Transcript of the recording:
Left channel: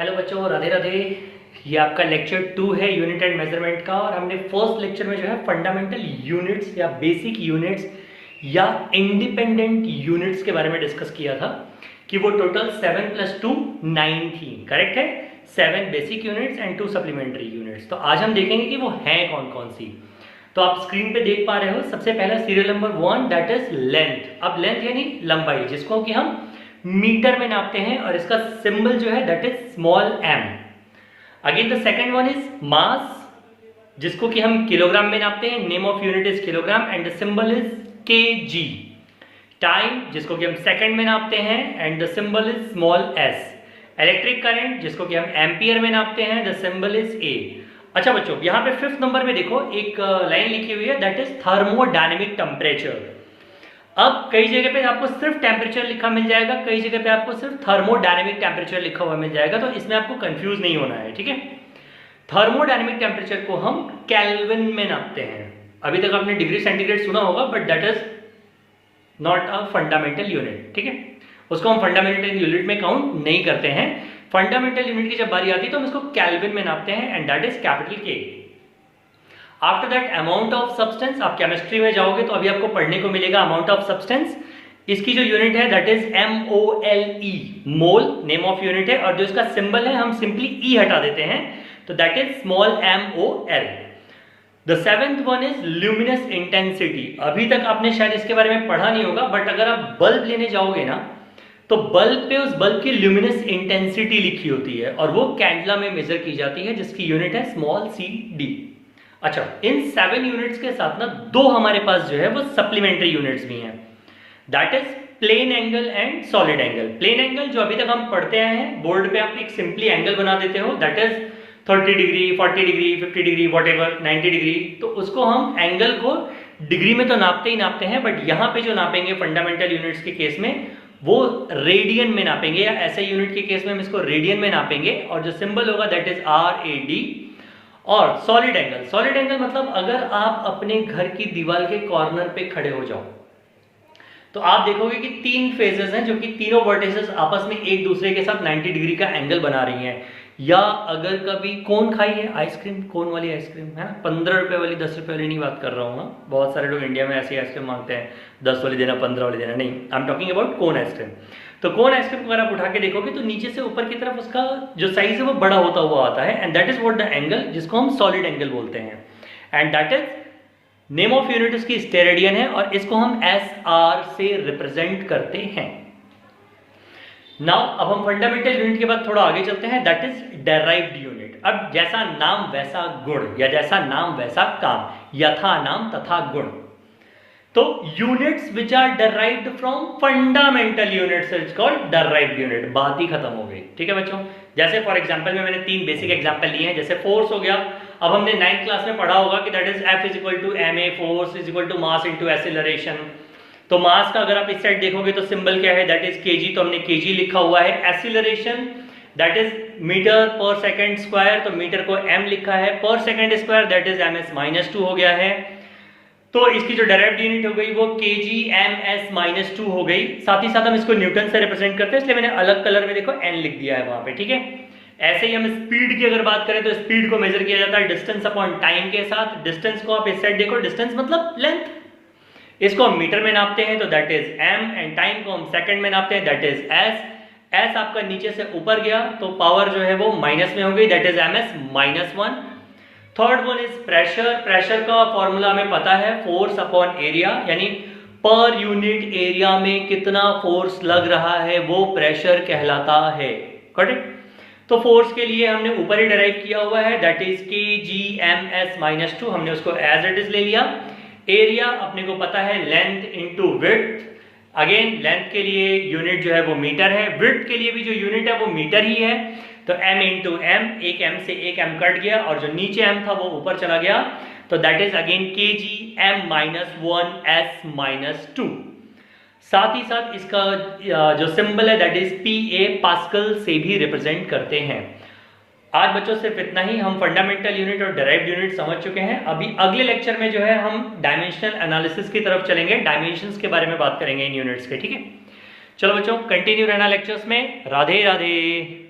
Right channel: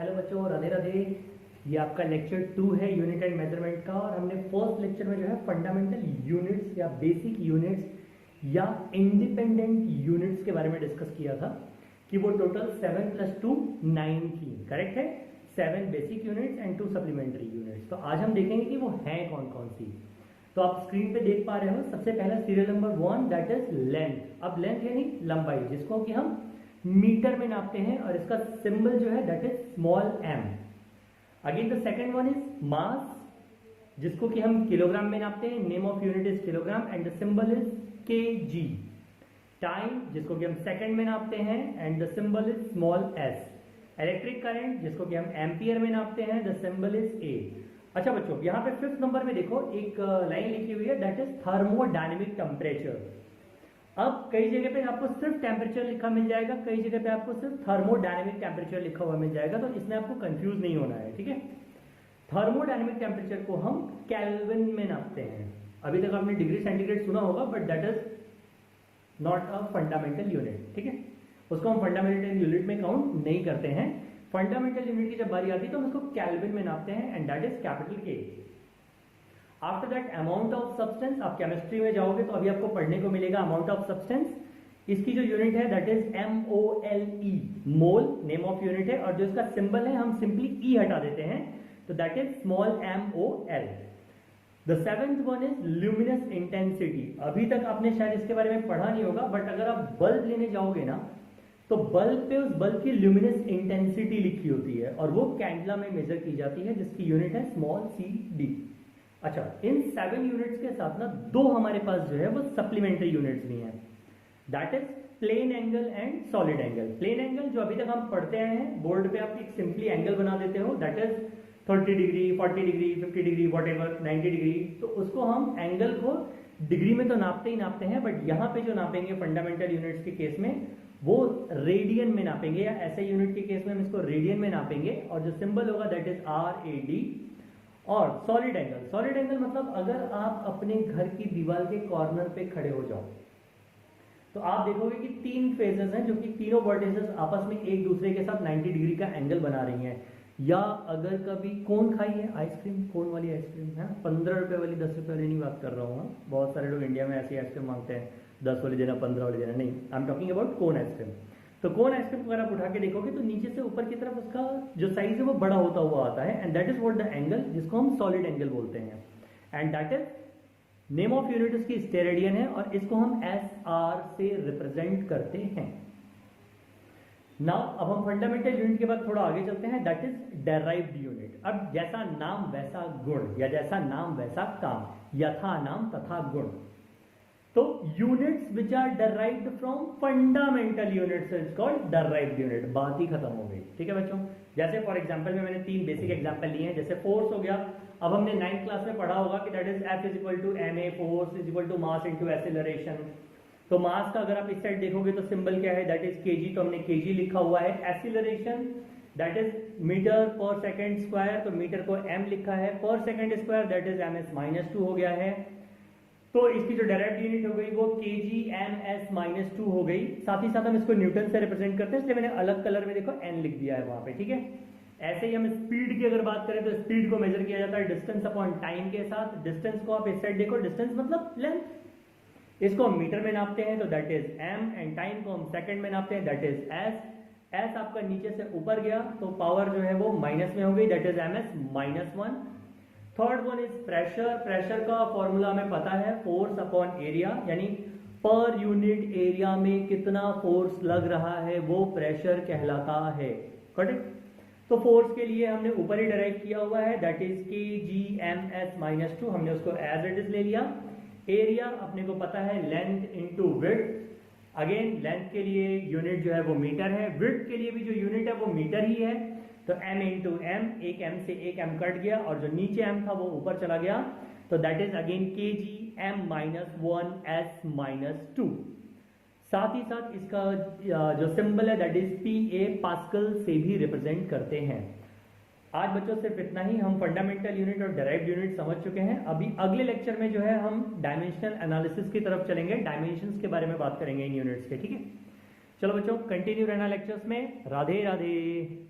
Hello बच्चों, राधे राधे। ये आपका लेक्चर 2 है यूनिट एंड मेजरमेंट का। और हमने फर्स्ट लेक्चर में जो है फंडामेंटल यूनिट्स या बेसिक यूनिट्स या इंडिपेंडेंट यूनिट्स के बारे में डिस्कस किया था कि वो टोटल 7 + 2 9 थी। करेक्ट है, 7 basic units and 2 supplementary units. तो आज हम देखेंगे कि वो हैं कौन कौन सी। तो आप स्क्रीन पे देख पा रहे हो, सबसे पहला serial number 1 that is length. अब लेंथ यानी लंबाई, जिसको कि हम मीटर में नापते हैं और इसका सिंबल जो है that is small m। Again the second one is mass, जिसको कि हम किलोग्राम में नापते हैं। Name of unit is kilogram and the symbol is kg। Time, जिसको कि हम सेकंड में नापते हैं and the symbol is small s। Electric current, जिसको कि हम एम्पियर में नापते हैं, द सिंबल इज a। अच्छा बच्चों, यहाँ पे 5th नंबर में देखो एक लाइन लिखी हुई है दैट इज थर्मोडायनेमिक टेम्परेचर। अब कई जगह पे आपको सिर्फ टेम्परेचर लिखा मिल जाएगा, कई जगह पे आपको सिर्फ थर्मोडायनेमिक टेम्परेचर लिखा हुआ मिल जाएगा, तो इसमें आपको कंफ्यूज नहीं होना है, ठीक है। थर्मोडायनेमिक टेम्परेचर को हम केल्विन में नापते हैं। अभी तक आपने डिग्री सेंटीग्रेड सुना होगा, but that is not a fundamental unit, ठीक है। उसको हम फंडामेंटल यूनिट में काउंट नहीं करते हैं। फंडामेंटल यूनिट की जब बारी आती है तो हम इसको केल्विन में नापते हैं and that is capital K। After that amount of substance, आप केमिस्ट्री में जाओगे तो अभी आपको पढ़ने को मिलेगा अमाउंट ऑफ सब्सटेंस। इसकी जो यूनिट है that is MOLE, mole name of unit है, और जो इसका सिंबल है हम सिंपली E हटा देते हैं, तो that is small MOL। The 7th one is luminous intensity. अभी तक आपने शायद इसके बारे में पढ़ा नहीं होगा, बट अगर आप बल्ब लेने जाओगे ना तो बल्ब पे उस बल्ब की ल्यूमिनस इंटेंसिटी लिखी होती है और वो कैंडला में मेजर की जाती है, जिसकी यूनिट है स्मॉल CD। अच्छा, इन 7 यूनिट्स के साथ ना 2 हमारे पास जो है वो सप्लीमेंट्री यूनिट्स भी हैं, that is plane angle and solid angle. Plane angle जो अभी तक हम पढ़ते आए हैं, बोर्ड पे आप एक सिंपली एंगल बना देते हो, that is 30 degree, 40 degree, 50 degree, whatever, 90 degree. तो उसको हम एंगल को डिग्री में तो नापते ही नापते हैं, बट यहाँ पे जो नापेंगे फंडामेंटल यूनिट्स के केस में वो रेडियन में नापेंगे, या ऐसे यूनिट के केस में हम इसको रेडियन में नापेंगे, और जो सिंबल होगा दैट इज RAD। और सॉलिड एंगल, सॉलिड एंगल मतलब अगर आप अपने घर की दीवार के कॉर्नर पे खड़े हो जाओ तो आप देखोगे कि 3 फेजेस हैं जो कि तीनों वर्टिसेस आपस में एक दूसरे के साथ 90 डिग्री का एंगल बना रही हैं। या अगर कभी कोन खाई है, आइसक्रीम, कोन वाली आइसक्रीम है ना, 15 रुपए वाली, 10 रुपए वाली नहीं बात कर रहा हूँ। बहुत सारे लोग इंडिया में ऐसी आइसक्रीम मांगते हैं, 10 वाली देना, 15 वाली देना, नहीं, I am talking about cone ice cream. तो कोन आइसक्रीम को अगर आप उठा के देखोगे तो नीचे से ऊपर की तरफ उसका जो साइज है वो बड़ा होता हुआ आता है, and that is what the angle, जिसको हम सॉलिड एंगल बोलते हैं, and that is name of unit इसकी स्टेरेडियन है, और इसको हम SR से रिप्रेजेंट करते हैं। नाउ अब हम फंडामेंटल यूनिट के बाद थोड़ा आगे चलते हैं, दैट इज डेराइव्ड यूनिट। अब जैसा नाम वैसा गुण, या जैसा नाम वैसा काम, यथा नाम तथा गुण। तो units which are derived from fundamental units is called derived unit. बात ही खत्म हो गई, ठीक है बच्चों। जैसे फॉर एग्जांपल में मैंने 3 बेसिक एग्जांपल लिए हैं, जैसे फोर्स हो गया। अब हमने 9th क्लास में पढ़ा होगा कि that is F = ma, force = mass × acceleration. तो मास का अगर आप इस साइड देखोगे तो सिंबल क्या है, दैट इज kg, तो हमने kg लिखा हुआ है। एक्सीलरेशन दैट इज मीटर पर सेकंड स्क्वायर, तो मीटर को m लिखा है, पर second square that is ms-2 हो गया है। तो इसकी जो डायरेक्ट यूनिट हो गई वो kg/ms-2 हो गई। साथ ही साथ हम इसको न्यूटन से रिप्रेजेंट करते हैं, इसलिए मैंने अलग कलर में देखो n लिख दिया है वहां पे, ठीक है। ऐसे ही हम स्पीड की अगर बात करें तो स्पीड को मेजर किया जाता है डिस्टेंस अपॉन टाइम के साथ। डिस्टेंस को आप इस साइड देखो, डिस्टेंस मतलब लेंथ, इसको हम मीटर में नापते हैं तो that is m, and time को हम सेकंड में नापते हैं, दैट इज s। आपका नीचे से ऊपर गया तो पावर जो है वो माइनस में हो गई, that is ms-1। Third one is pressure. Pressure का फॉर्मूला हमें पता है, फोर्स अपॉन एरिया, यानी पर यूनिट एरिया में कितना फोर्स लग रहा है वो प्रेशर कहलाता है, करेक्ट। तो फोर्स के लिए हमने ऊपर ही डिराइव किया हुआ है, दैट इज kg/ms-2, हमने उसको एज इट इज ले लिया। एरिया अपने को पता है length into width. Again length के लिए यूनिट जो है वो मीटर है, विड्थ के लिए भी जो यूनिट है वो मीटर ही है, तो m इंटू m, एक m से एक m कट गया और जो नीचे m था वो ऊपर चला गया, तो दैट इज अगेन kg/m-1s-2। साथ ही साथ इसका जो सिंबल है दैट इज PA, पास्कल से भी रिप्रेजेंट करते हैं। आज बच्चों सिर्फ इतना ही, हम फंडामेंटल यूनिट और डेराइव्ड यूनिट समझ चुके हैं। अभी अगले लेक्चर में जो है हम डायमेंशनल एनालिसिस की तरफ चलेंगे, डायमेंशंस के बारे में बात करेंगे इन यूनिट्स के, ठीक है। चलो बच्चों, कंटिन्यू रहना लेक्चर्स में। राधे राधे।